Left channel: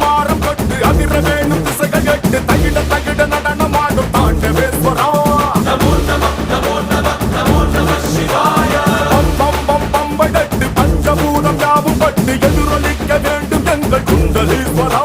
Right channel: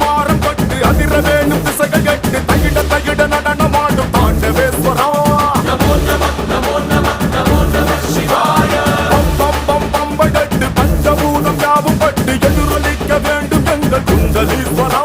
மாறம் கட்டு அதிர வேணும் திசைகள் கட்டு தகிட தகிட நடனமாடும் தாண்டவேஸ்வரா பம்பை கட்டு பஞ்சபூதம் யாவும் பட்டு எதிரொலிக்க வேண்டும் எங்கள் குண்டலீஸ்வரா